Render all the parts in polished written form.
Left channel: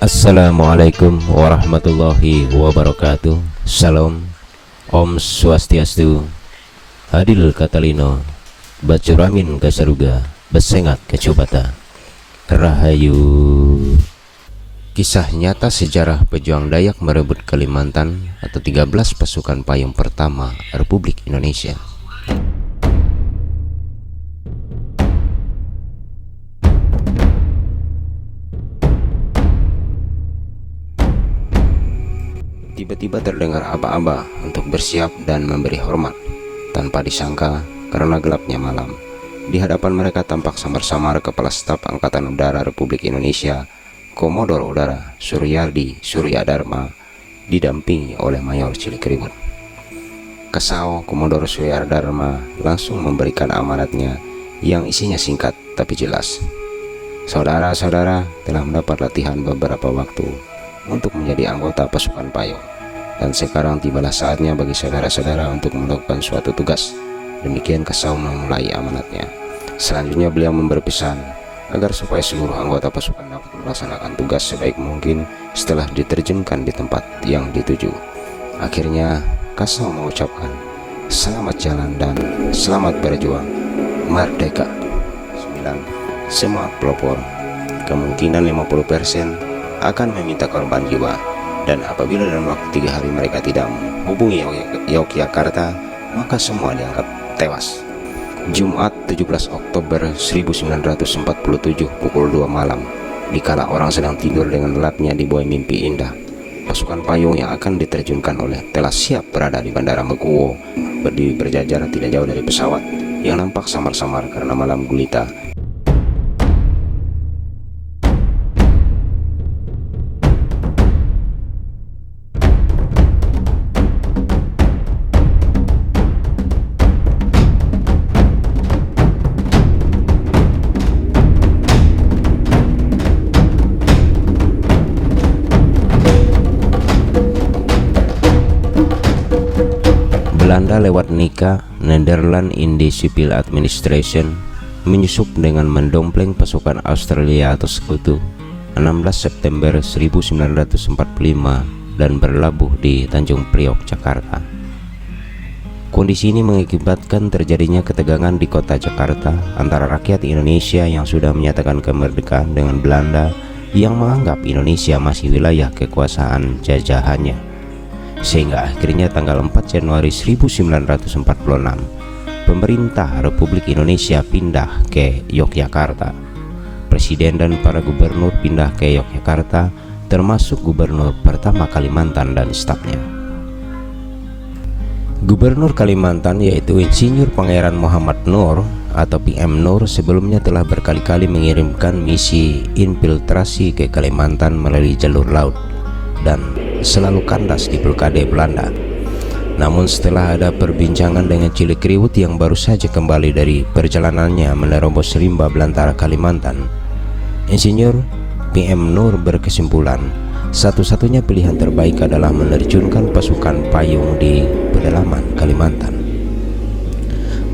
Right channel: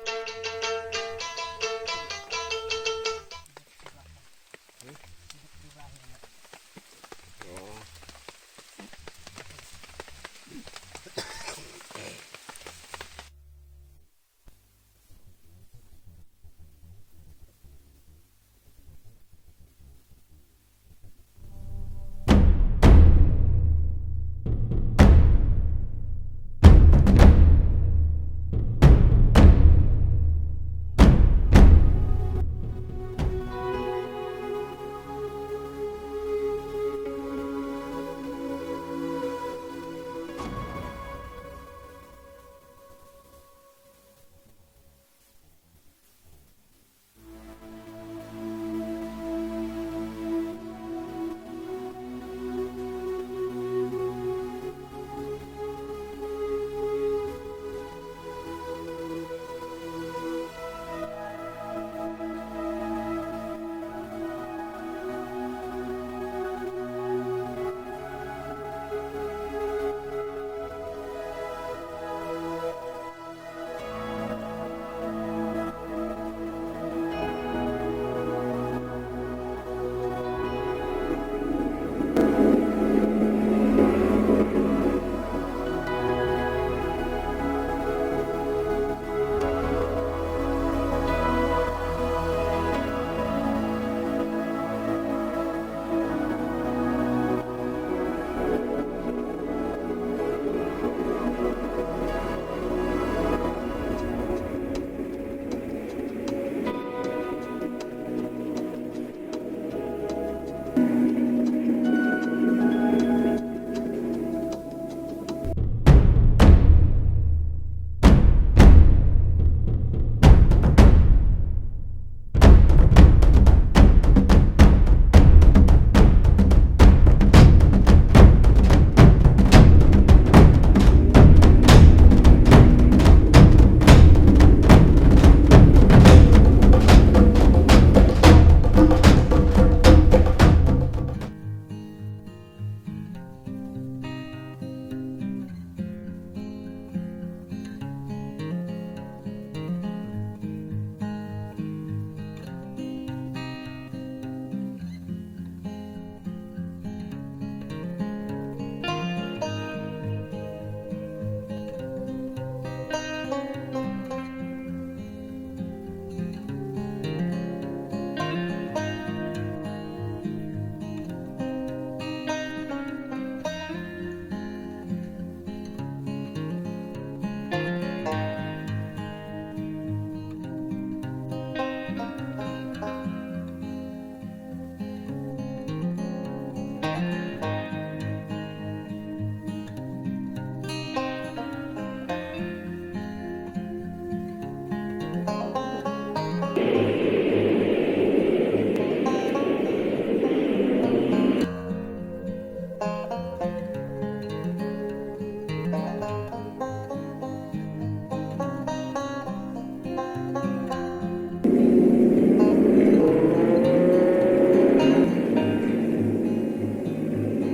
Assalamualaikum warahmatullahi wabarakatuh. Salam, Om Swastiastu, Hadil Katalino, Bacuramin Gasaruga, Besengat Kecubata, Rahayu. Kisah nyata sejarah pejuang Dayak merebut Kalimantan atau 13 pasukan payung pertama Republik Indonesia. Tiba-tiba terdengar aba-aba untuk bersiap dan memberi hormat. Tanpa disangka, karena gelapnya malam, di hadapan mereka tampak samar-samar Kepala Staf Angkatan Udara Republik Indonesia, Komodor Udara Suryadi Suryadharma, didampingi oleh Mayor Cilikriwut. Kesal Komodor Suryadharma langsung memberikan amanatnya yang isinya singkat tapi jelas. Saudara-saudara telah mendapat latihan beberapa waktu untuk menjadi anggota pasukan payung, dan sekarang tibalah saatnya bagi saudara-saudara untuk melakukan suatu tugas. Demikian Kasau memulai amanatnya. Selanjutnya beliau memberi pesan agar supaya seluruh anggota pasukan dapat melaksanakan tugas sebaik mungkin setelah diterjunkan di tempat yang dituju. Akhirnya Kasau mengucapkan selamat jalan dan selamat berjuang, merdeka. 9. Semua pelopor kemungkinan 50% akan meminta korban jiwa, dan apabila dalam waktu 3 hari mereka tidak menghubungi Yogyakarta, maka semua dianggap tewas. Jumat 17 Oktober 1947 pukul 2 malam, dikala orang sedang tidur dengan lelapnya di bawah mimpi indah, pasukan payung yang akan diterjunkan oleh telah siap berada di Bandara Mekuwo, berdiri berjajar tidak jauh dari pesawat yang nampak samar-samar karena malam gulita. Lewat Nika, Netherlands Indies Civil Administration menyusup dengan mendompleng pasukan Australia atau Sekutu 16 September 1945 dan berlabuh di Tanjung Priok, Jakarta. Kondisi ini mengakibatkan terjadinya ketegangan di kota Jakarta antara rakyat Indonesia yang sudah menyatakan kemerdekaan dengan Belanda yang menganggap Indonesia masih wilayah kekuasaan jajahannya. Sehingga akhirnya tanggal 4 Januari 1946 pemerintah Republik Indonesia pindah ke Yogyakarta. Presiden dan para gubernur pindah ke Yogyakarta, termasuk gubernur pertama Kalimantan dan stafnya. Gubernur Kalimantan yaitu Insinyur Pangeran Muhammad Nur atau PM Nur sebelumnya telah berkali-kali mengirimkan misi infiltrasi ke Kalimantan melalui jalur laut dan selalu kandas di blokade Belanda. Namun setelah ada perbincangan dengan Cilikriwut yang baru saja kembali dari perjalanannya menerobos rimba belantara Kalimantan, Insinyur PM Nur berkesimpulan satu-satunya pilihan terbaik adalah menerjunkan pasukan payung di pedalaman Kalimantan.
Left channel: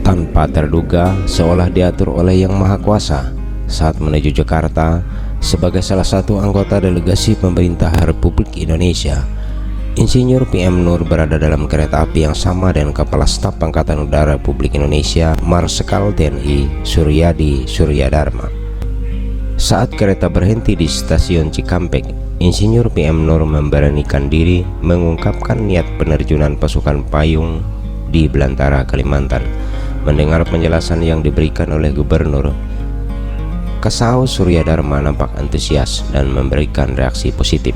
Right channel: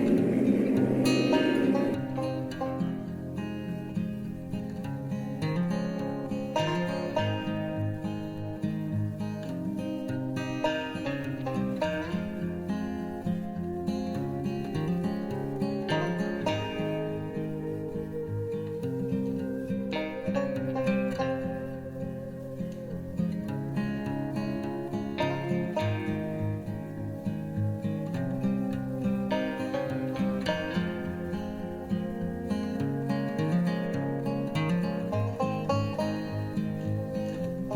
Tanpa terduga, seolah diatur oleh Yang Maha Kuasa, saat menuju Jakarta sebagai salah satu anggota delegasi pemerintah Republik Indonesia, Insinyur PM Nur berada dalam kereta api yang sama dengan Kepala Staf Angkatan Udara Republik Indonesia Marsikal TNI Suryadi Suryadharma. Saat kereta berhenti di stasiun Cikampek, Insinyur PM Nur memberanikan diri mengungkapkan niat penerjunan pasukan payung di belantara Kalimantan. Mendengar penjelasan yang diberikan oleh Gubernur, Kasau Suryadharma nampak antusias dan memberikan reaksi positif.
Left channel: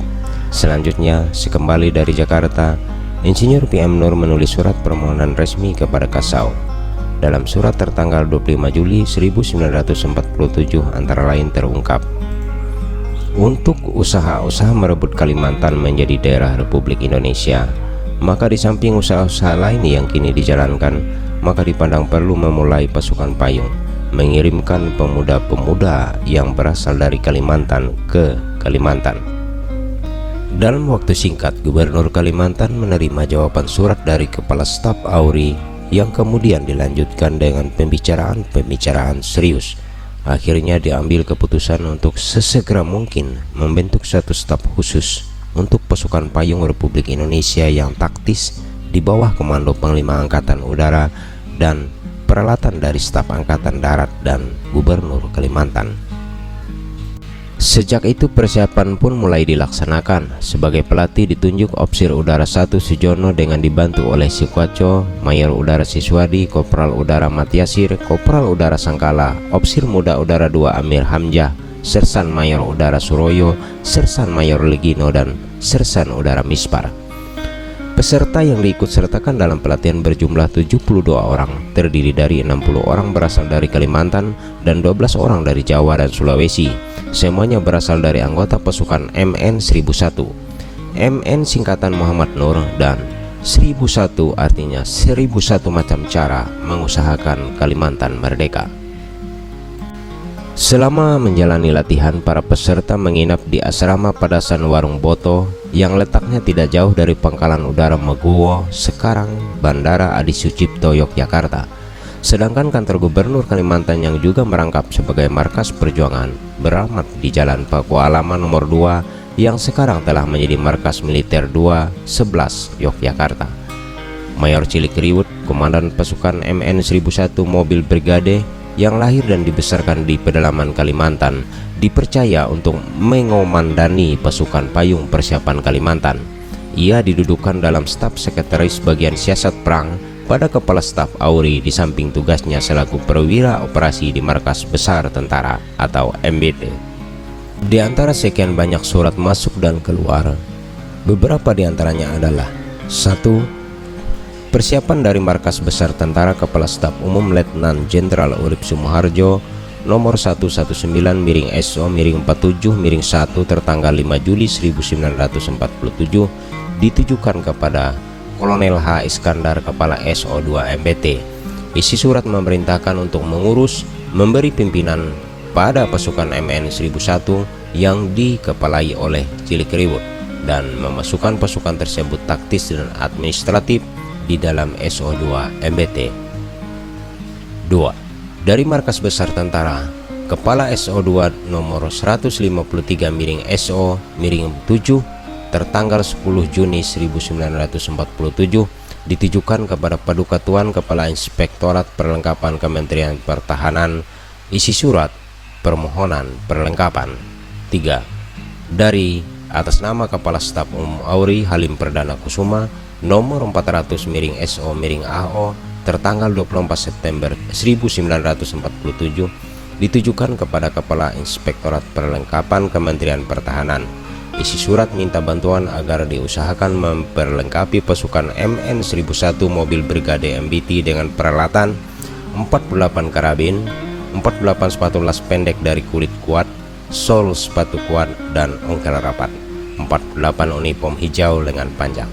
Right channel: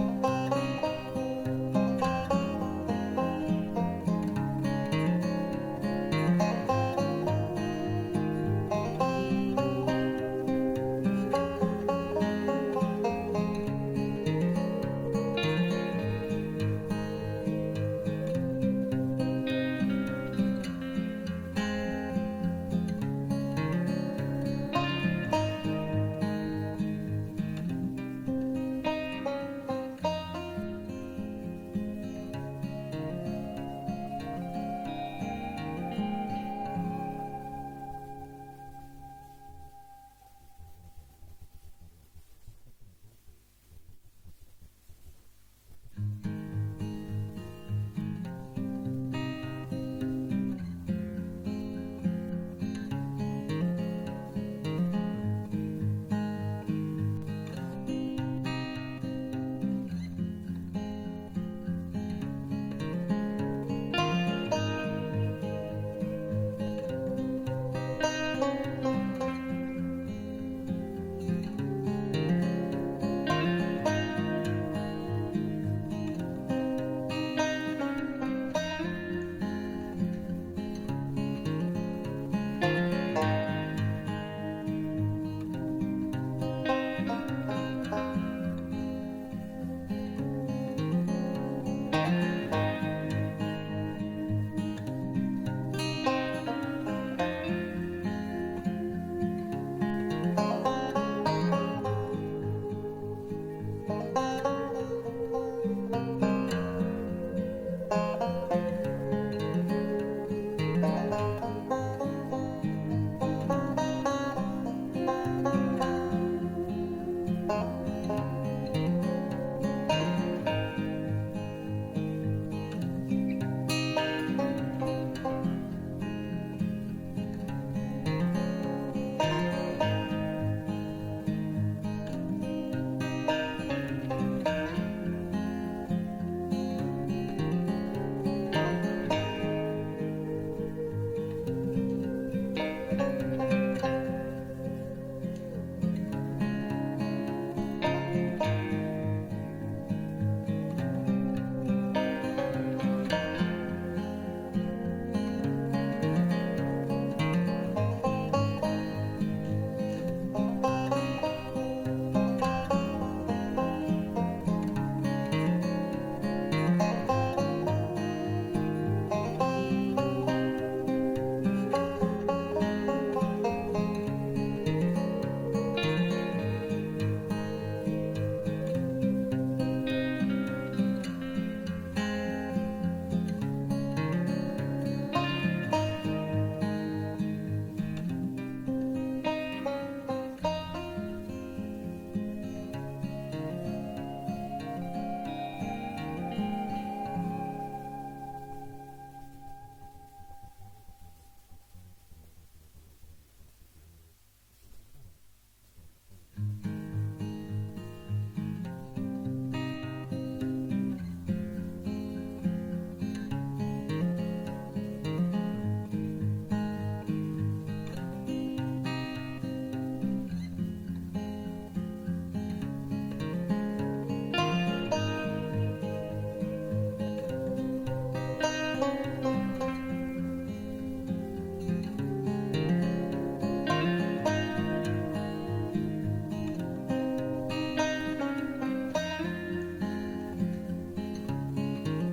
Selanjutnya, sekembali dari Jakarta, Insinyur PM Nur menulis surat permohonan resmi kepada Kasau. Dalam surat tertanggal 25 Juli 1947 antara lain terungkap, untuk usaha-usaha merebut Kalimantan menjadi daerah Republik Indonesia, maka di samping usaha-usaha lain yang kini dijalankan, maka dipandang perlu memulai pasukan payung, mengirimkan pemuda-pemuda yang berasal dari Kalimantan ke Kalimantan. Dalam waktu singkat, Gubernur Kalimantan menerima jawaban surat dari Kepala Staf AURI yang kemudian dilanjutkan dengan pembicaraan serius Akhirnya diambil keputusan untuk sesegera mungkin membentuk satu staf khusus untuk pasukan payung Republik Indonesia yang taktis di bawah komando Panglima Angkatan Udara dan peralatan dari staf Angkatan Darat dan Gubernur Kalimantan. Sejak itu persiapan pun mulai dilaksanakan. Sebagai pelatih ditunjuk Opsir Udara 1 Sujono dengan dibantu oleh Sikwaco, Mayor Udara Siswadi, Kopral Udara Matiasir, Kopral Udara Sangkala, Opsir Muda Udara 2 Amir Hamzah, Sersan Mayor Udara Suroyo, Sersan Mayor Legino, dan Sersan Udara Mispar. Peserta yang diikutsertakan dalam pelatihan berjumlah 72 orang, terdiri dari 60 orang berasal dari Kalimantan dan 12 orang dari Jawa dan Sulawesi. Semuanya berasal dari anggota pasukan MN 1001. MN singkatan Muhammad Nur, dan 1001 artinya 1001 macam cara mengusahakan Kalimantan merdeka. Selama menjalani latihan, para peserta menginap di asrama Padasan Warung Boto yang letaknya tidak jauh dari Pangkalan Udara Meguwo, sekarang Bandara Adi Sucipto, Yogyakarta. Sedangkan kantor Gubernur Kalimantan yang juga merangkap sebagai markas perjuangan beralamat di Jalan Pakualaman nomor 2 yang sekarang telah menjadi markas militer 211 Yogyakarta. Mayor Cilik Riwut, komandan pasukan MN 1001 Mobil Brigade yang lahir dan dibesarkan di pedalaman Kalimantan, dipercaya untuk mengomandani pasukan payung persiapan Kalimantan. Ia didudukan dalam staf sekretaris bagian siasat perang pada Kepala Staf AURI, di samping tugasnya selaku perwira operasi di Markas Besar Tentara atau MBT. Di antara sekian banyak surat masuk dan keluar, beberapa di antaranya adalah: 1. Persiapan dari Markas Besar Tentara Kepala Staf Umum Letnan Jenderal Urip Sumoharjo nomor 119-SO-47-1 tertanggal 5 Juli 1947 ditujukan kepada Kolonel H. Iskandar, Kepala SO2 MBT. Isi surat memerintahkan untuk mengurus, memberi pimpinan pada pasukan MN 1001 yang dikepalai oleh Cilik Riwut, dan memasukkan pasukan tersebut taktis dan administratif di dalam SO2 MBT. 2. Dari Markas Besar Tentara, Kepala SO2 nomor 153-SO-7 tertanggal 10 Juni 1947 ditujukan kepada Paduka Tuan Kepala Inspektorat Perlengkapan Kementerian Pertahanan. Isi surat permohonan perlengkapan. 3. Dari atas nama Kepala Staf Umum AURI Halim Perdana Kusuma nomor 400-SO-AO tertanggal 24 September 1947 ditujukan kepada Kepala Inspektorat Perlengkapan Kementerian Pertahanan. Isi surat minta bantuan agar diusahakan memperlengkapi pasukan MN 1001 Mobil Brigade MBT dengan peralatan 48 karabin, 48 sepatu las pendek dari kulit kuat, sol sepatu kuat, dan ongkel rapat, 48 unipom hijau lengan panjang.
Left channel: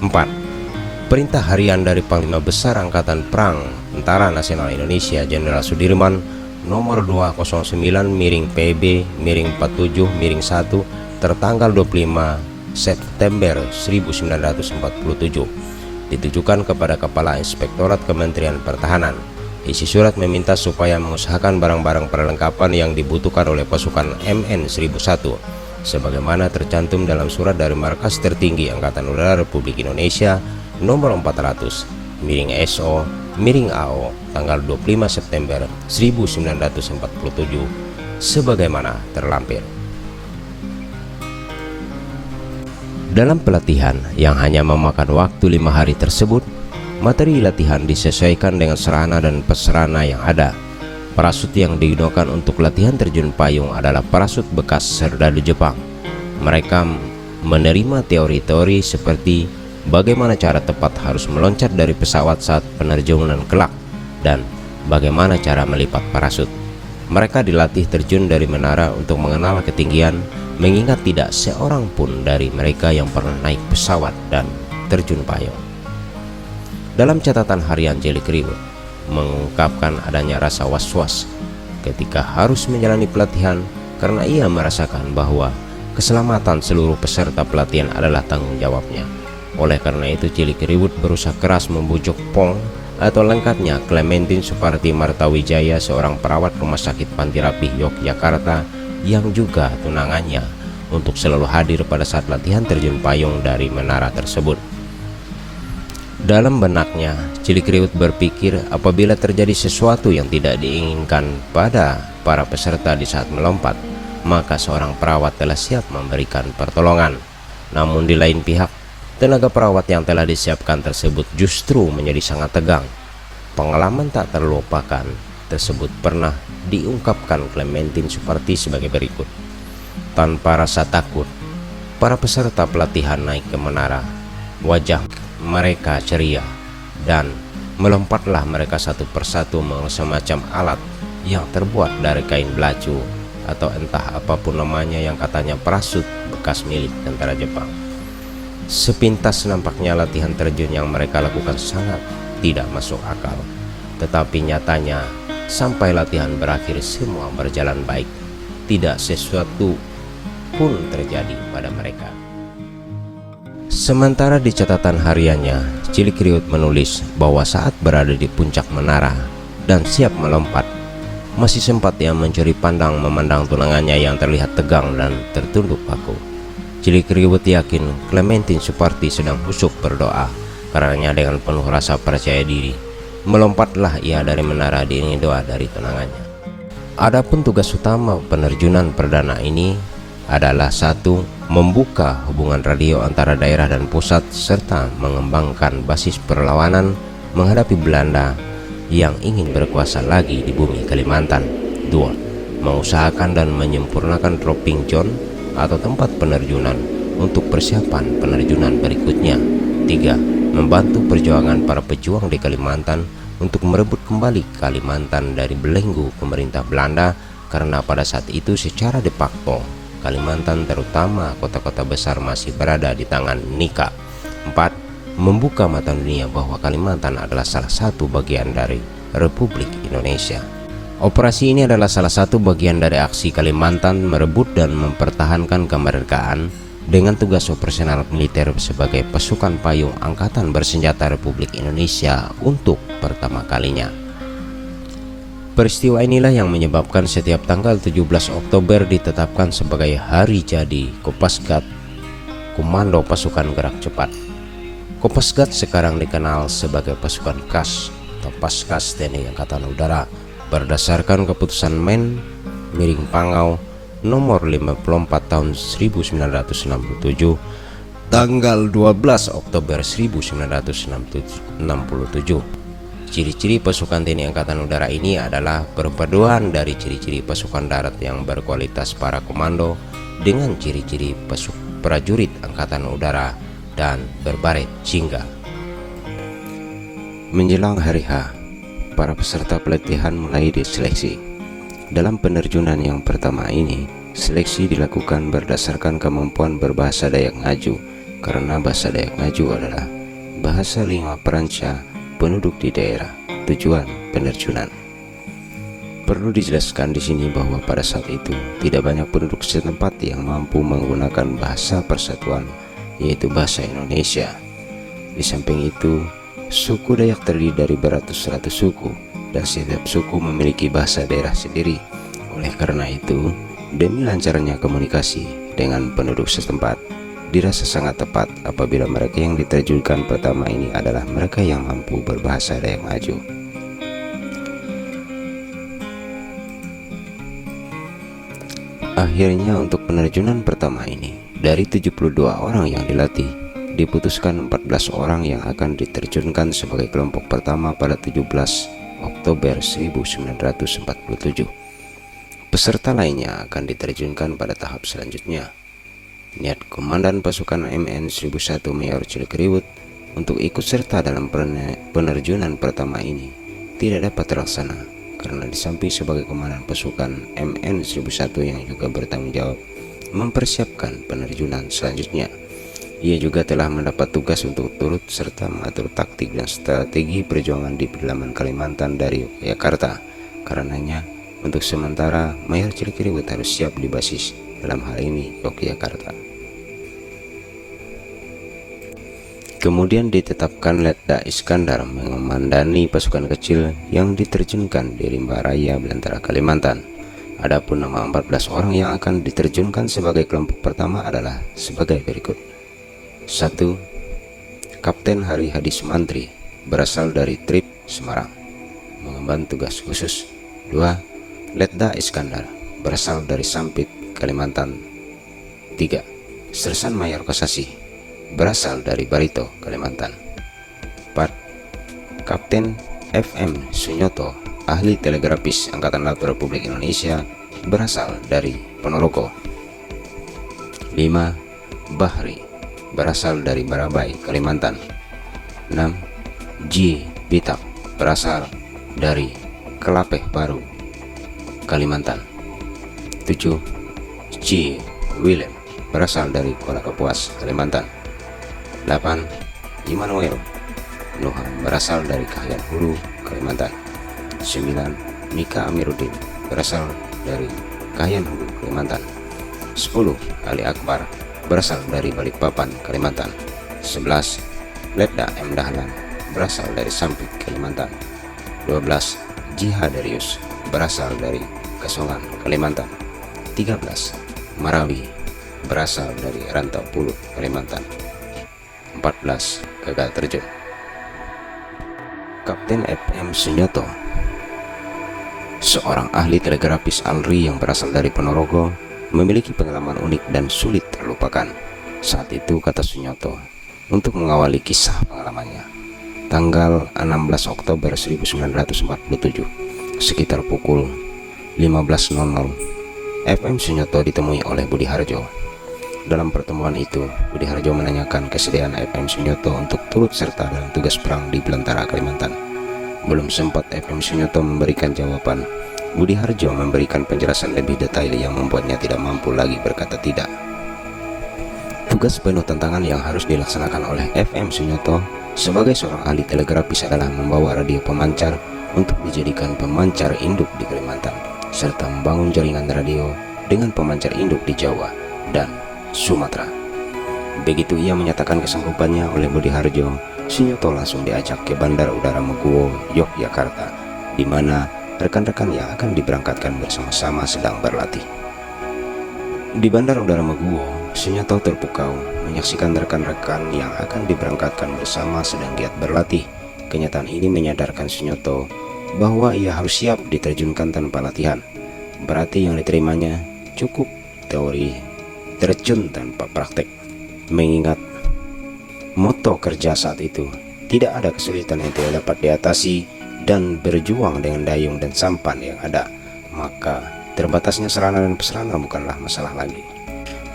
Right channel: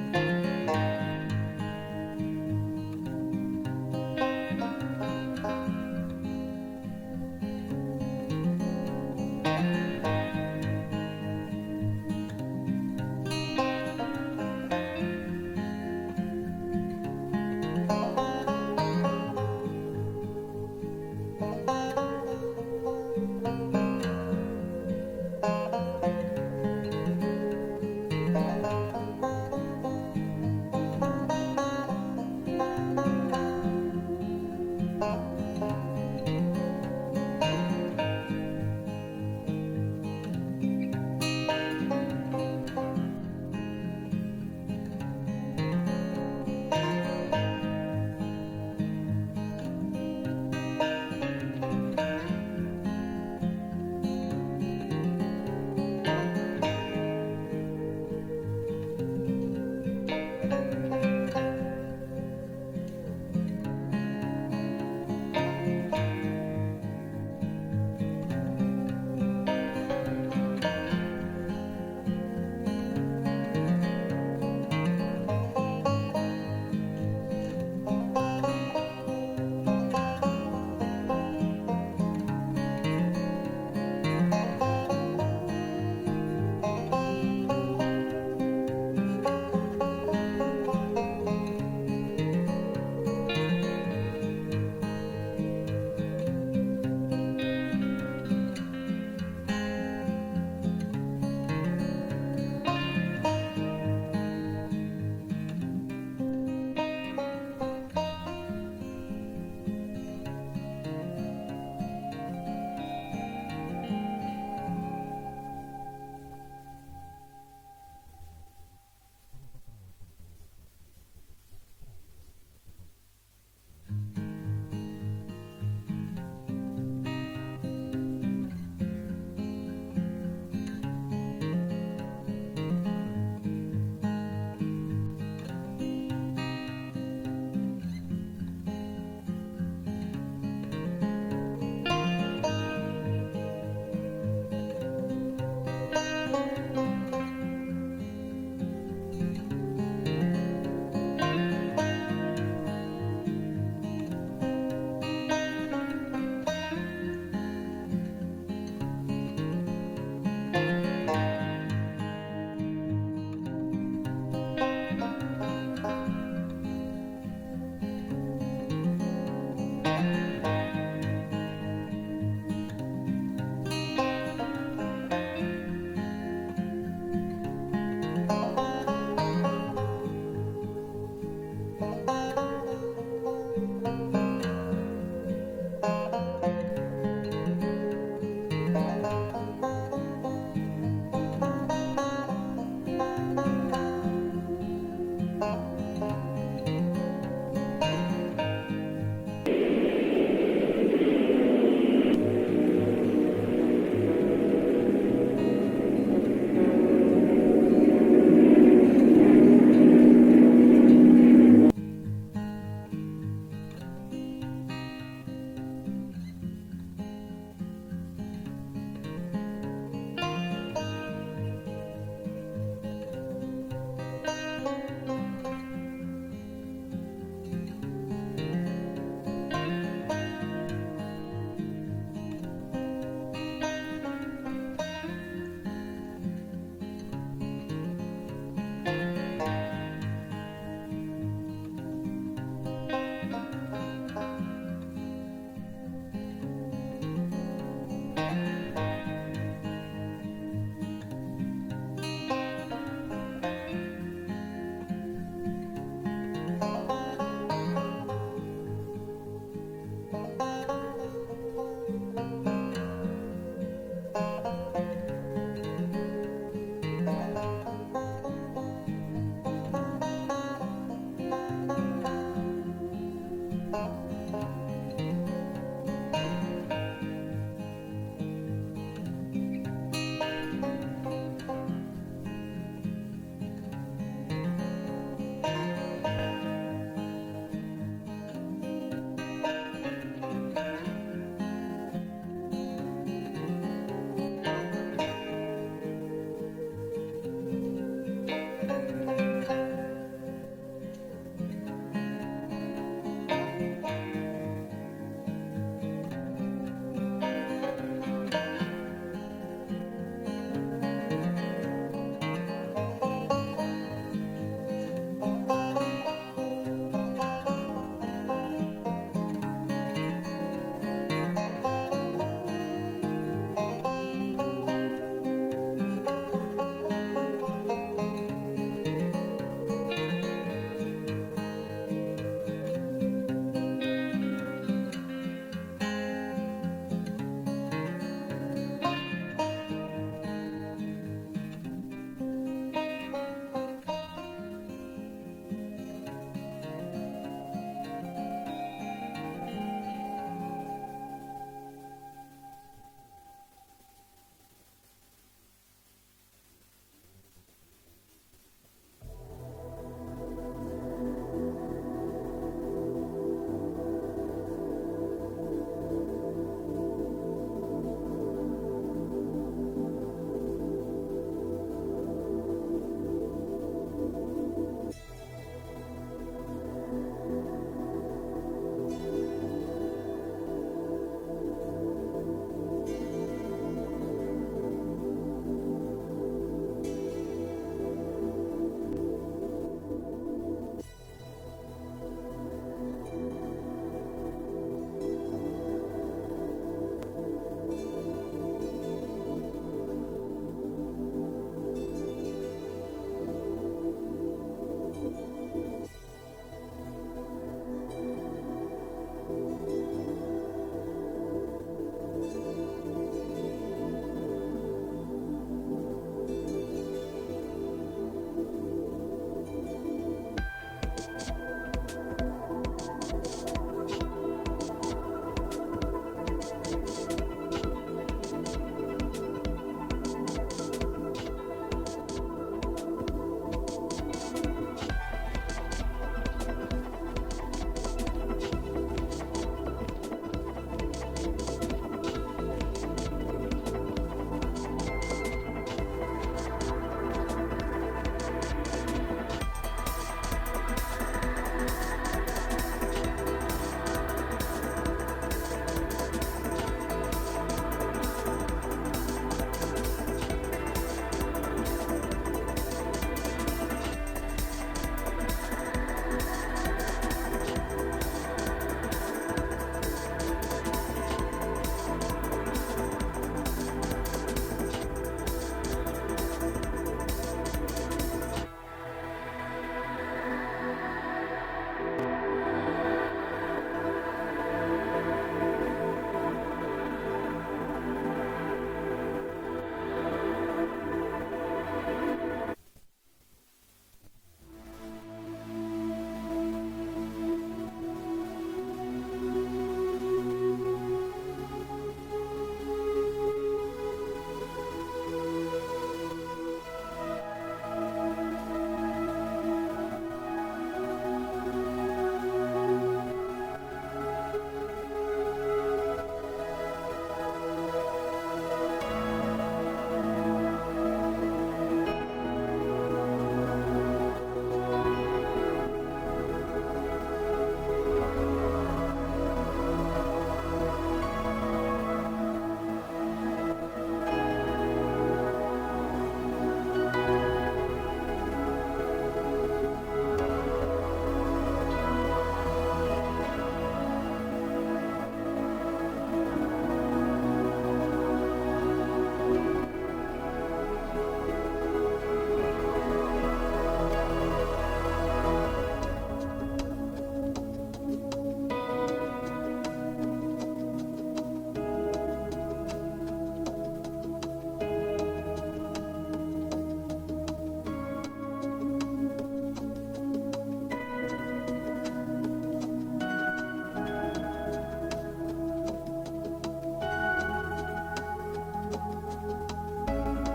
4. Perintah harian dari Panglima Besar Angkatan Perang Tentara Nasional Indonesia Jenderal Sudirman nomor 209-PB-47-1 tertanggal 25 September 1947 ditujukan kepada Kepala Inspektorat Kementerian Pertahanan. Isi surat meminta supaya mengusahakan barang-barang perlengkapan yang dibutuhkan oleh pasukan MN 1001 sebagaimana tercantum dalam surat dari Markas Tertinggi Angkatan Udara Republik Indonesia nomor 400-SO-AO tanggal 25 September 1947 sebagaimana terlampir. Dalam pelatihan yang hanya memakan waktu 5 hari tersebut, materi latihan disesuaikan dengan sarana dan prasarana yang ada. Parasut yang digunakan untuk latihan terjun payung adalah parasut bekas serdadu Jepang. Mereka menerima teori-teori seperti bagaimana cara tepat harus meloncat dari pesawat saat penerjunan kelak dan bagaimana cara melipat parasut. Mereka dilatih terjun dari menara untuk mengenal ketinggian, mengingat tidak seorang pun dari mereka yang pernah naik pesawat dan terjun payung. Dalam catatan harian Cilik Riwut mengungkapkan adanya rasa was-was ketika harus menjalani pelatihan karena ia merasakan bahwa keselamatan seluruh peserta pelatihan adalah tanggung jawabnya. Oleh karena itu Cilik Riwut berusaha keras membujuk Pong Atau lengkapnya, Clementine Suparti Martawijaya, seorang perawat rumah sakit Panti Rapih Yogyakarta yang juga tunangannya, untuk selalu hadir pada saat latihan terjun payung dari menara tersebut. Dalam benaknya, Cilik Riwut berpikir apabila terjadi sesuatu yang tidak diinginkan pada para peserta di saat melompat, maka seorang perawat telah siap memberikan pertolongan. Namun di lain pihak, tenaga perawat yang telah disiapkan tersebut justru menjadi sangat tegang. Pengalaman tak terlupakan tersebut pernah diungkapkan Clementine Suparti sebagai berikut. Tanpa rasa takut, para peserta pelatihan naik ke menara. Wajah mereka ceria dan melompatlah mereka satu persatu menggunakan semacam alat yang terbuat dari kain belacu atau entah apapun namanya, yang katanya parasut bekas milik tentara Jepang. Sepintas nampaknya latihan terjun yang mereka lakukan sangat tidak masuk akal, tetapi nyatanya sampai latihan berakhir semua berjalan baik. Tidak sesuatu pun terjadi pada mereka. Sementara di catatan hariannya, Cilik Riwut menulis bahwa saat berada di puncak menara dan siap melompat, masih sempat ia mencuri pandang memandang tunangannya yang terlihat tegang dan tertunduk kaku. Cilik Riwut yakin Clementine Suparti sedang khusyuk berdoa, karenanya dengan penuh rasa percaya diri melompatlah ia dari menara diiringi doa dari tunangannya. Adapun tugas utama penerjunan perdana ini adalah: 1. Membuka hubungan radio antara daerah dan pusat serta mengembangkan basis perlawanan menghadapi Belanda yang ingin berkuasa lagi di bumi Kalimantan. 2. Mengusahakan dan menyempurnakan dropping zone atau tempat penerjunan untuk persiapan penerjunan berikutnya. 3. Membantu perjuangan para pejuang di Kalimantan untuk merebut kembali Kalimantan dari belenggu pemerintah Belanda, karena pada saat itu secara de facto Kalimantan terutama kota-kota besar masih berada di tangan NIKA. 4. Membuka mata dunia bahwa Kalimantan adalah salah satu bagian dari Republik Indonesia. Operasi ini adalah salah satu bagian dari aksi Kalimantan merebut dan mempertahankan kemerdekaan dengan tugas operasional militer sebagai pasukan payung Angkatan Bersenjata Republik Indonesia untuk pertama kalinya. Peristiwa inilah yang menyebabkan setiap tanggal 17 Oktober ditetapkan sebagai hari jadi Kopasgat, Komando Pasukan Gerak Cepat. Kopasgat sekarang dikenal sebagai pasukan KAS atau Paskas TNI Angkatan Udara berdasarkan keputusan Men Miring Pangau nomor 54 tahun 1967 tanggal 12 Oktober 1967. Ciri-ciri pasukan TNI Angkatan Udara ini adalah perpaduan dari ciri-ciri pasukan darat yang berkualitas para komando dengan ciri-ciri prajurit Angkatan Udara dan berbaret jingga. Menjelang hari H, para peserta pelatihan mulai diseleksi. Dalam penerjunan yang pertama ini, seleksi dilakukan berdasarkan kemampuan berbahasa Dayak Ngaju, karena bahasa Dayak Ngaju adalah bahasa lingua peranca penduduk di daerah tujuan penerjunan. Perlu dijelaskan di sini bahwa pada saat itu tidak banyak penduduk setempat yang mampu menggunakan bahasa persatuan, yaitu bahasa Indonesia. Di samping itu, suku Dayak terdiri dari beratus-ratus suku dan setiap suku memiliki bahasa daerah sendiri. Oleh karena itu, demi lancarnya komunikasi dengan penduduk setempat, dirasa sangat tepat apabila mereka yang diterjunkan pertama ini adalah mereka yang mampu berbahasa Dayak Ngaju. Akhirnya untuk penerjunan pertama ini, dari 72 orang yang dilatih, diputuskan 14 orang yang akan diterjunkan sebagai kelompok pertama pada 17 Oktober 1947. Peserta lainnya akan diterjunkan pada tahap selanjutnya. Niat Komandan Pasukan MN 1001 Mayor Cilik Riwut untuk ikut serta dalam penerjunan pertama ini tidak dapat terlaksana karena di samping sebagai komandan pasukan MN 1001 yang juga bertanggung jawab mempersiapkan penerjunan selanjutnya, ia juga telah mendapat tugas untuk turut serta mengatur taktik dan strategi perjuangan di pedalaman Kalimantan dari Yogyakarta. Karenanya, untuk sementara Mayor Cilik Riwut harus siap di basis, dalam hal ini Yogyakarta. Kemudian ditetapkan Letda Iskandar mengomandani pasukan kecil yang diterjunkan di rimba raya Belantara Kalimantan. Adapun nama 14 orang yang akan diterjunkan sebagai kelompok pertama adalah sebagai berikut. 1. Kapten Hari Hadi Sumantri, berasal dari Trip Semarang, mengemban tugas khusus. 2. Letda Iskandar, berasal dari Sampit, Kalimantan. 3. Sersan Mayor Kosasi, berasal dari Barito, Kalimantan. 4. Kapten FM Sunyoto, ahli telegrafis Angkatan Laut Republik Indonesia, berasal dari Ponorogo. 5. Bahri, berasal dari Barabai, Kalimantan. 6. Ji Bitak, berasal dari Kelapeh Baru, Kalimantan. 7. Ji Willem, berasal dari Kuala Kapuas, Kalimantan. 8. Immanuel Nuha, berasal dari Kahyan Hulu, Kalimantan. 9. Mika Amiruddin, berasal dari Kahyan Hulu, Kalimantan. 10. Ali Akbar, berasal dari Balikpapan, Kalimantan. 11. Letda M. Dahlan, berasal dari Sampit, Kalimantan. 12. Jiha Darius, berasal dari Kasongan, Kalimantan. 13. Marawi, berasal dari Rantau Puluh, Kalimantan. 14. Gagal terjun. Kapten FM Sunyoto, seorang ahli telegrafis ALRI yang berasal dari Ponorogo, memiliki pengalaman unik dan sulit terlupakan. Saat itu, kata Sunyoto, untuk mengawali kisah pengalamannya, tanggal 16 Oktober 1947, sekitar pukul 15.00, FM Sunyoto ditemui oleh Budi Harjo. Dalam pertemuan itu, Budi Harjo menanyakan kesediaan FM Sunyoto untuk turut serta dalam tugas perang di Belantara, Kalimantan. Belum sempat FM Sunyoto memberikan jawaban, Budi Harjo memberikan penjelasan lebih detail yang membuatnya tidak mampu lagi berkata tidak. Tugas penuh tantangan yang harus dilaksanakan oleh FM Sunyoto sebagai seorang ahli telegrafis adalah membawa radio pemancar untuk dijadikan pemancar induk di Kalimantan, serta membangun jaringan radio dengan pemancar induk di Jawa dan Sumatera. Begitu ia menyatakan kesanggupannya oleh Budi Harjo, Sunyoto langsung diajak ke Bandar Udara Meguwo, Yogyakarta, di mana rekan-rekan yang akan diberangkatkan bersama-sama sedang berlatih. Di Bandar Udara Meguwo, Sunyoto terpukau menyaksikan rekan-rekan yang akan diberangkatkan bersama sedang giat berlatih. Kenyataan ini menyadarkan Sunyoto bahwa ia harus siap diterjunkan tanpa latihan. Berarti yang diterimanya cukup teori, terjun tanpa praktek. Mengingat moto kerja saat itu, tidak ada kesulitan yang tidak dapat diatasi dan berjuang dengan dayung dan sampan yang ada, maka terbatasnya sarana dan prasarana bukanlah masalah lagi.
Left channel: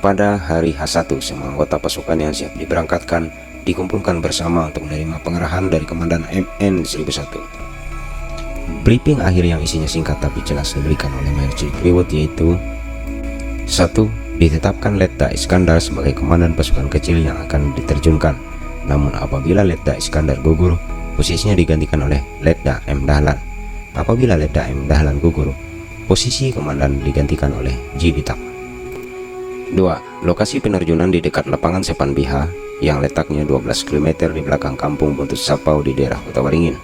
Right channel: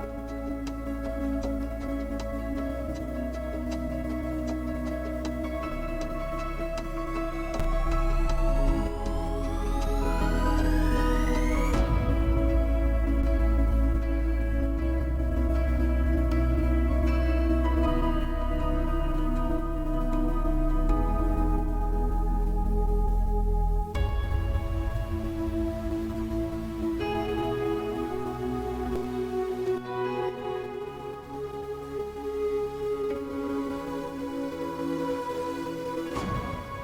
Pada hari H1, semua anggota pasukan yang siap diberangkatkan dikumpulkan bersama untuk menerima pengarahan dari Komandan MN 1001. Briefing akhir yang isinya singkat tapi jelas diberikan oleh Mayor Cikriwut, yaitu 1. Ditetapkan Letda Iskandar sebagai komandan pasukan kecil yang akan diterjunkan. Namun apabila Letda Iskandar gugur, posisinya digantikan oleh Letda M. Dahlan. Apabila Letda M. Dahlan gugur, posisi komandan digantikan oleh Ji Bitak. 2. Lokasi penerjunan di dekat lapangan Sepan Biha yang letaknya 12 km di belakang kampung Buntut Sapau di daerah Kota Waringin,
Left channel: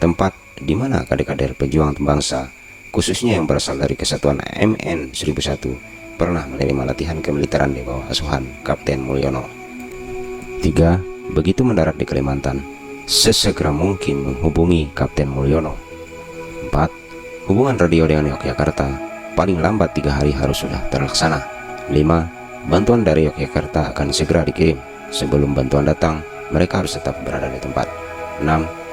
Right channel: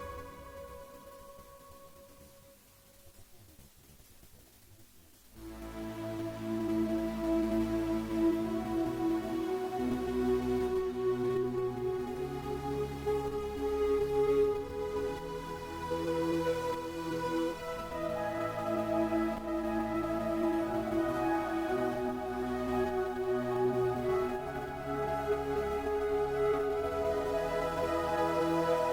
tempat di mana kader-kader pejuang bangsa, khususnya yang berasal dari Kesatuan MN 1001, pernah menerima latihan kemiliteran di bawah asuhan Kapten Mulyono. 3. Begitu mendarat di Kalimantan, sesegera mungkin menghubungi Kapten Mulyono. 4. Hubungan radio dengan Yogyakarta paling lambat 3 hari harus sudah terlaksana. 5. Bantuan dari Yogyakarta akan segera dikirim. Sebelum bantuan datang, mereka harus tetap berada di tempat. 6.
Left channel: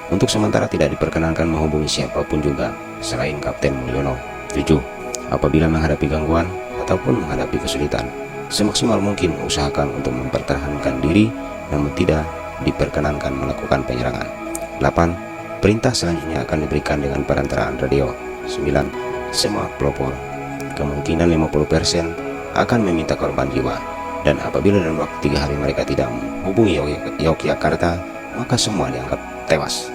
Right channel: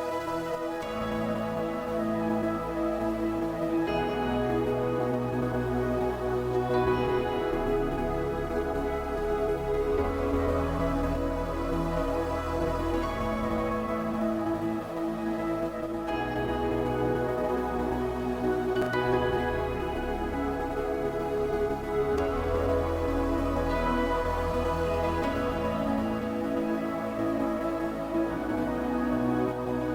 Untuk sementara tidak diperkenankan menghubungi siapapun juga selain Kapten Mulyono. 7. Apabila menghadapi gangguan ataupun menghadapi kesulitan, semaksimal mungkin usahakan untuk mempertahankan diri, namun tidak diperkenankan melakukan penyerangan. 8. Perintah selanjutnya akan diberikan dengan perantaraan radio. 9. Semua pelopor kemungkinan 50% akan meminta korban jiwa, dan apabila dalam waktu 3 hari mereka tidak menghubungi Yogyakarta, maka semua dianggap tewas.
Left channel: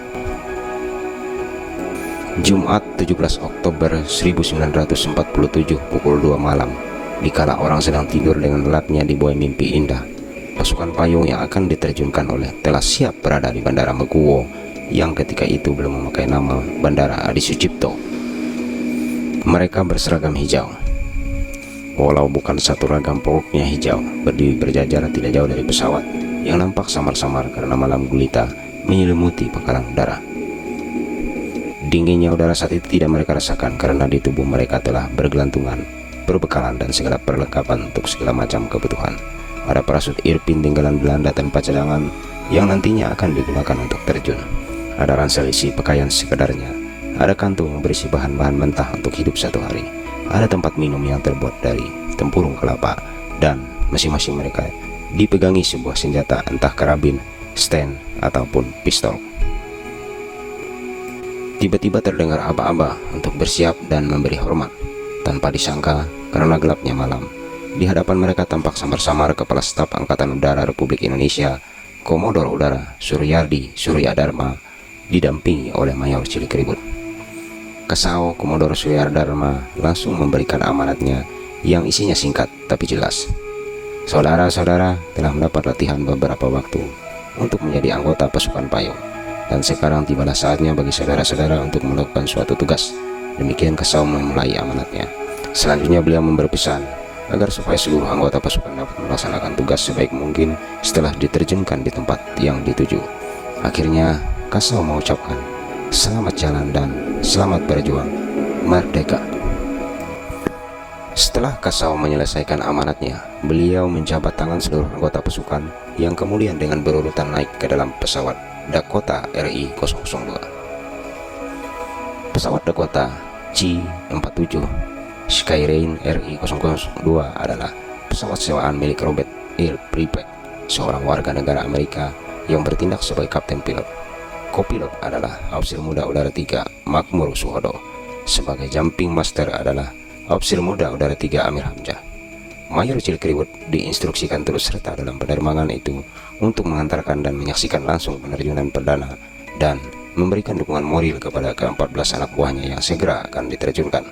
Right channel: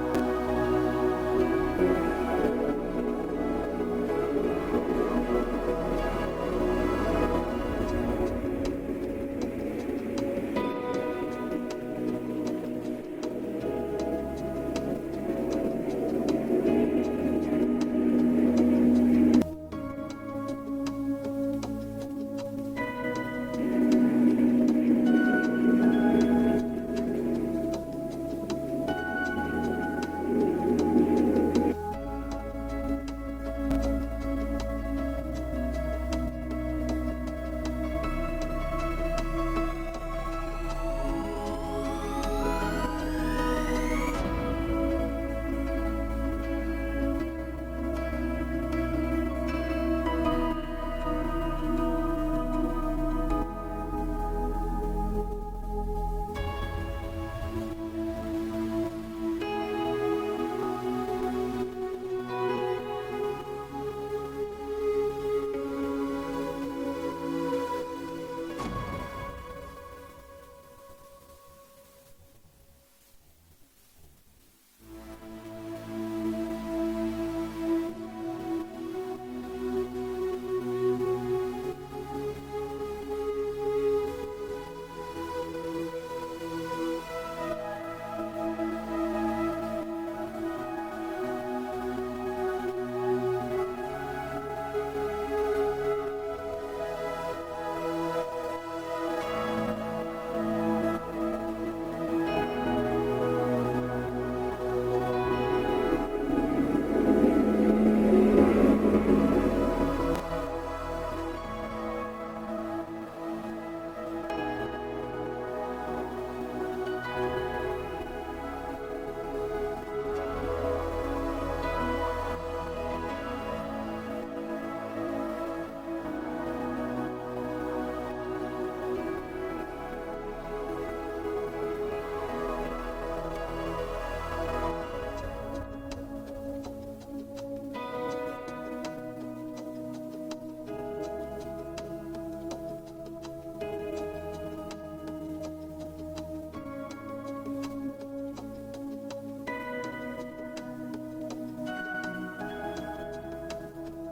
Jumat 17 Oktober 1947 pukul 2 malam, dikala orang sedang tidur dengan lelapnya dibuai mimpi indah, pasukan payung yang akan diterjunkan oleh telah siap berada di Bandara Meguwo yang ketika itu belum memakai nama Bandara Adi Sucipto. Mereka berseragam hijau. Walau bukan satu ragam pokoknya hijau, berdiri berjajar tidak jauh dari pesawat yang nampak samar-samar karena malam gulita menyelimuti pangkalan udara. Dinginnya udara saat itu tidak mereka rasakan karena di tubuh mereka telah bergelantungan, berbekalan dan segala perlengkapan untuk segala macam kebutuhan. Ada parasut Irpin tinggalan Belanda tanpa cadangan yang nantinya akan digunakan untuk terjun. Ada ransel isi pakaian sekedarnya. Ada kantung berisi bahan-bahan mentah untuk hidup satu hari. Ada tempat minum yang terbuat dari tempurung kelapa, dan masing-masing mereka dipegangi sebuah senjata, entah karabin, stand, ataupun pistol. Tiba-tiba terdengar aba-aba untuk bersiap dan memberi hormat. Tanpa disangka, karena gelapnya malam, di hadapan mereka tampak samar-samar Kepala Staf Angkatan Udara Republik Indonesia, Komodor Udara Suryadi Suryadharma, didampingi oleh Mayor Cilikriwut. Kasau Komodor Suryadharma langsung memberikan amanatnya yang isinya singkat tapi jelas. Saudara-saudara telah mendapat latihan beberapa waktu untuk menjadi anggota pasukan payung, dan sekarang tibalah saatnya bagi saudara-saudara untuk melakukan suatu tugas. Demikian Kasau memulai amanatnya. Selanjutnya beliau memberi pesan agar supaya seluruh anggota pasukan dapat melaksanakan tugas sebaik mungkin setelah diterjunkan di tempat yang dituju. Akhirnya Kasau mengucapkan, "Selamat jalan dan selamat berjuang, merdeka." Setelah Kasau menyelesaikan amanatnya, beliau menjabat tangan seluruh anggota pasukan yang kemudian dengan berurutan naik ke dalam pesawat Dakota RI-002. Pesawat Dakota G-47 Skyrain RI-002 adalah pesawat sewaan milik Robert Earl Pripet, seorang warga negara Amerika yang bertindak sebagai kapten pilot. Kopilot adalah Aufsir Muda Udara 3 Makmur Suhodo. Sebagai jumping master adalah Aufsir Muda Udara 3 Amir Hamzah. Mayor Cilikriwut diinstruksikan terus serta dalam penerbangan itu untuk mengantarkan dan menyaksikan langsung penerjunan perdana dan memberikan dukungan moral kepada ke-14 anak buahnya yang segera akan diterjunkan.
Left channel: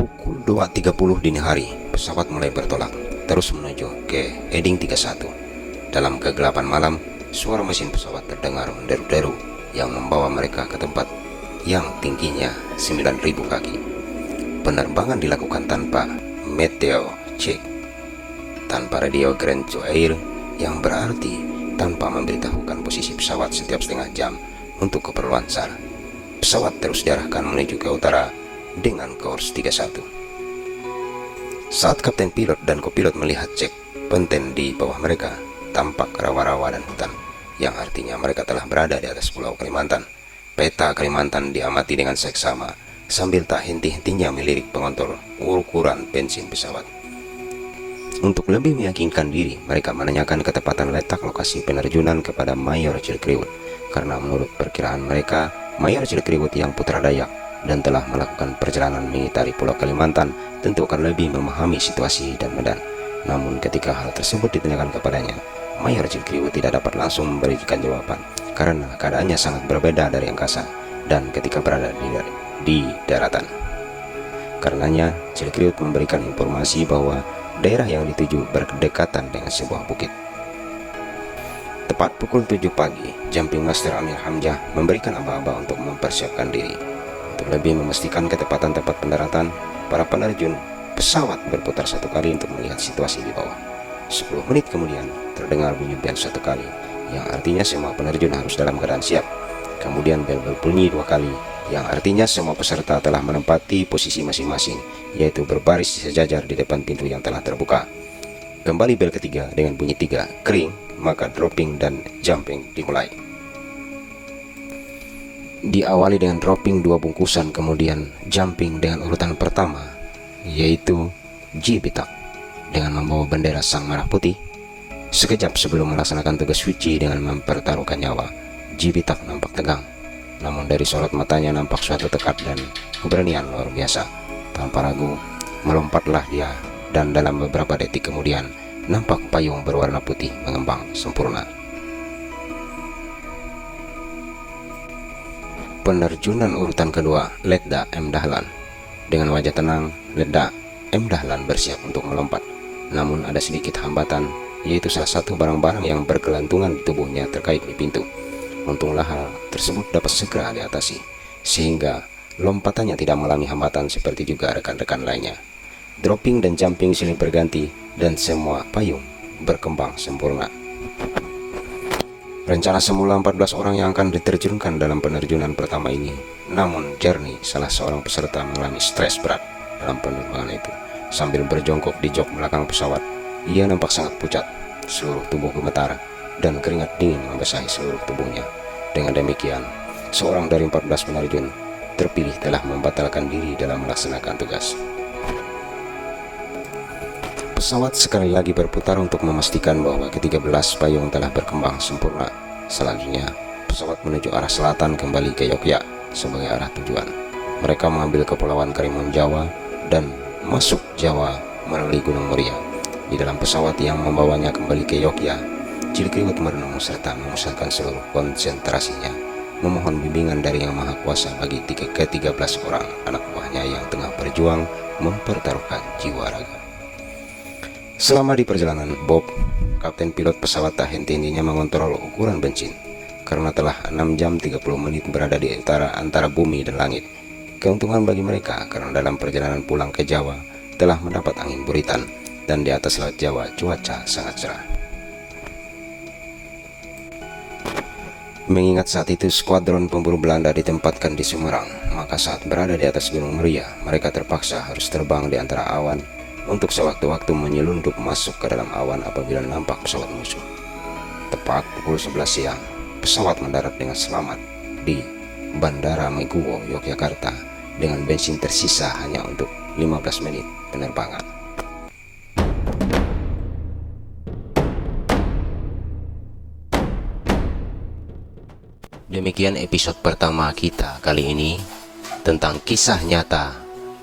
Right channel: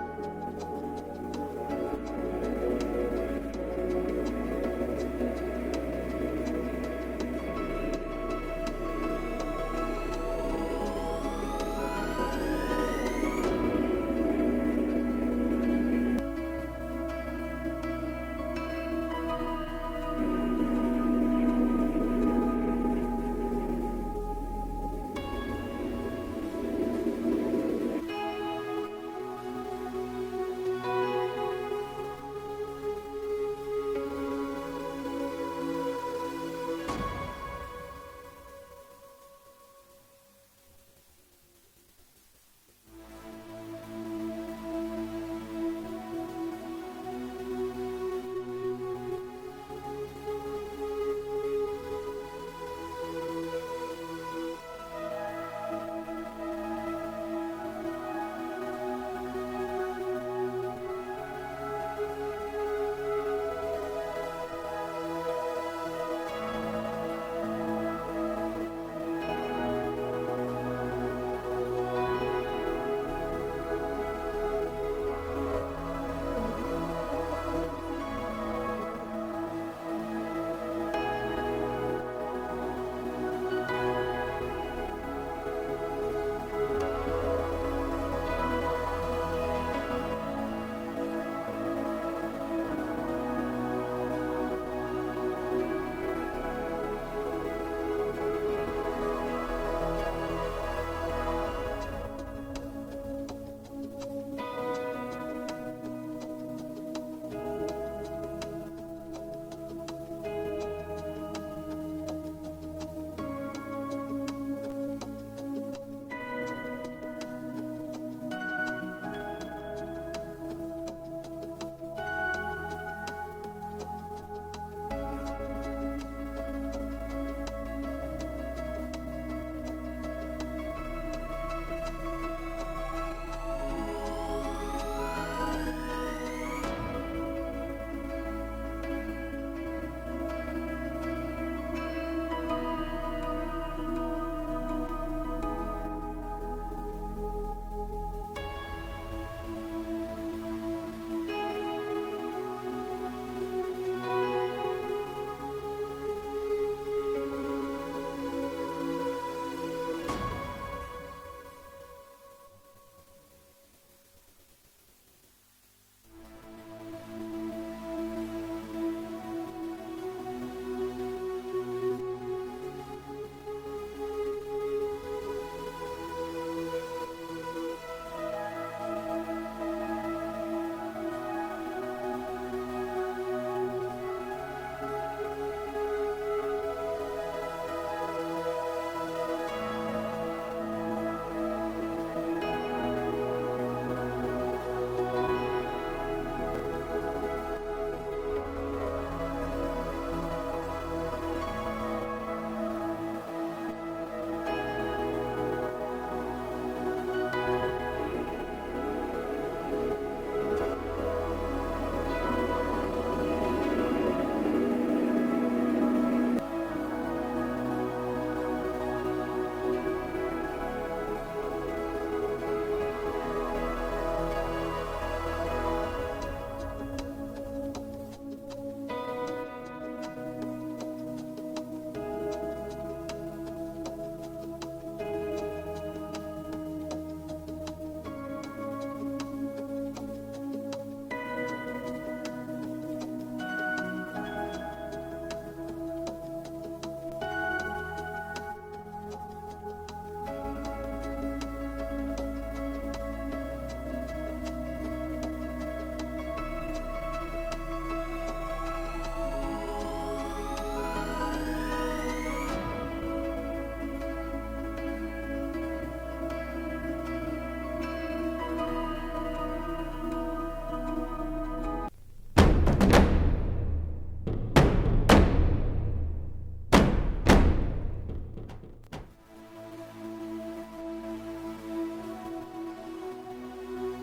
Pukul 2.30 dini hari, pesawat mulai bertolak terus menuju ke Heading 31. Dalam kegelapan malam, suara mesin pesawat terdengar menderu-deru yang membawa mereka ke tempat yang tingginya 9.000 kaki. Penerbangan dilakukan tanpa meteo check, tanpa radio ground to air, yang berarti tanpa memberitahukan posisi pesawat setiap setengah jam untuk keperluan SAR. Pesawat terus diarahkan menuju ke utara dengan kurs 31. Saat kapten pilot dan kopilot melihat cek penten di bawah mereka, tampak rawa-rawa dan hutan, yang artinya mereka telah berada di atas Pulau Kalimantan. Peta Kalimantan diamati dengan seksama sambil tak henti-hentinya melirik pengontrol ukuran bensin pesawat. Untuk lebih meyakinkan diri, mereka menanyakan ketepatan letak lokasi penerjunan kepada Mayor Cilikriwut, karena menurut perkiraan mereka, Mayor Cilikriwut yang putra Dayak dan telah melakukan perjalanan mengitari Pulau Kalimantan tentu akan lebih memahami situasi dan medan. Namun ketika hal tersebut ditanyakan kepadanya, Mayor Cilikriwut tidak dapat langsung memberikan jawaban karena keadaannya sangat berbeda dari angkasa dan ketika berada di daratan. Karenanya Cilikriwut memberikan informasi bahwa daerah yang dituju berdekatan dengan sebuah bukit. Tepat pukul 7 pagi, Jumping Master Amir Hamzah memberikan aba-aba untuk mempersiapkan diri. Untuk lebih memastikan ketepatan tempat pendaratan, para penerjun pesawat berputar satu kali untuk melihat situasi di bawah. 10 menit kemudian terdengar bunyi bel satu kali, yang artinya semua penerjun harus dalam keadaan siap. Kemudian bel berbunyi 2 kali, yang artinya semua peserta telah menempati posisi masing-masing, yaitu berbaris sejajar di depan pintu yang telah terbuka. Kembali bel ketiga dengan bunyi 3, kering, maka dropping dan jumping dimulai. Diawali dengan dropping 2 bungkusan, kemudian jumping dengan urutan pertama, yaitu Jibitak dengan membawa bendera Sang Merah Putih. Sekejap sebelum melaksanakan tugas suci dengan mempertaruhkan nyawa, Jibitak nampak tegang. Namun dari sorot matanya nampak suatu tekad dan keberanian luar biasa. Tanpa ragu, melompatlah dia, dan dalam beberapa detik kemudian nampak payung berwarna putih mengembang sempurna. Penerjunan urutan kedua, Letda M. Dahlan. Dengan wajah tenang, Letda M. Dahlan bersiap untuk melompat. Namun ada sedikit hambatan, yaitu salah satu barang-barang yang bergelantungan di tubuhnya terkait di pintu. Untunglah hal tersebut dapat segera diatasi, sehingga lompatannya tidak mengalami hambatan seperti juga rekan-rekan lainnya. Dropping dan jumping silih berganti, dan semua payung berkembang sempurna. Rencana semula 14 orang yang akan diterjunkan dalam penerjunan pertama ini. Namun Jerny, salah seorang peserta, mengalami stres berat dalam penerbangan itu. Sambil berjongkok di jok belakang pesawat, ia nampak sangat pucat, seluruh tubuh gemetar, dan keringat dingin membasahi seluruh tubuhnya. Dengan demikian, seorang dari 14 penerjun terpilih telah membatalkan diri dalam melaksanakan tugas. Pesawat sekali lagi berputar untuk memastikan bahwa ke-13 payung telah berkembang sempurna. Selanjutnya, pesawat menuju arah selatan kembali ke Yogyakarta sebagai arah tujuan. Mereka mengambil Kepulauan Karimun Jawa dan masuk Jawa melalui Gunung Muria. Di dalam pesawat yang membawanya kembali ke Yogyakarta, Cilikriwut merenung serta memusatkan seluruh konsentrasinya, memohon bimbingan dari Yang Maha Kuasa bagi ke-13 orang anak buahnya yang tengah berjuang mempertaruhkan jiwa raga. Selama di perjalanan, Bob, kapten pilot pesawat, tak henti-hentinya mengontrol ukuran bensin karena telah 6 jam 30 menit berada di antara bumi dan langit. Keuntungan bagi mereka karena dalam perjalanan pulang ke Jawa telah mendapat angin buritan dan di atas laut Jawa cuaca sangat cerah. Mengingat saat itu skuadron pemburu Belanda ditempatkan di Semarang, maka saat berada di atas Gunung Muria, mereka terpaksa harus terbang di antara awan untuk sewaktu-waktu menyelundup masuk ke dalam awan apabila nampak pesawat musuh. Tepat pukul 11 siang, pesawat mendarat dengan selamat di Bandara Meguwo, Yogyakarta dengan bensin tersisa hanya untuk 15 menit penerbangan. Demikian episode pertama kita kali ini tentang kisah nyata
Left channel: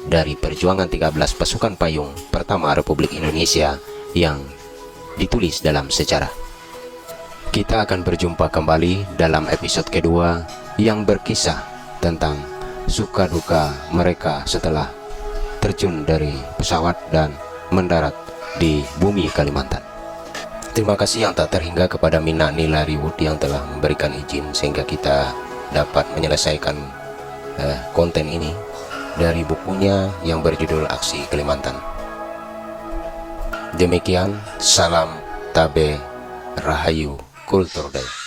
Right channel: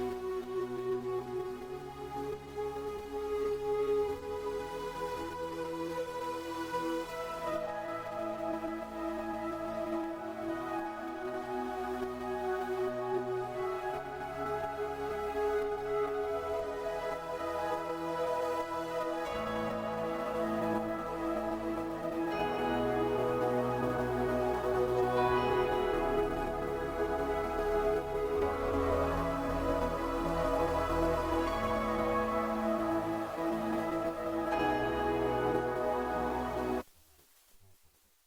dari perjuangan 13 pasukan payung pertama Republik Indonesia yang ditulis dalam sejarah. Kita akan berjumpa kembali dalam episode kedua yang berkisah tentang suka duka mereka setelah terjun dari pesawat dan mendarat di bumi Kalimantan. Terima kasih yang tak terhingga kepada Mina Nilariwood yang telah memberikan izin sehingga kita dapat menyelesaikan konten ini dari bukunya yang berjudul Aksi Kalimantan. Demikian, salam tabe rahayu kultur daya.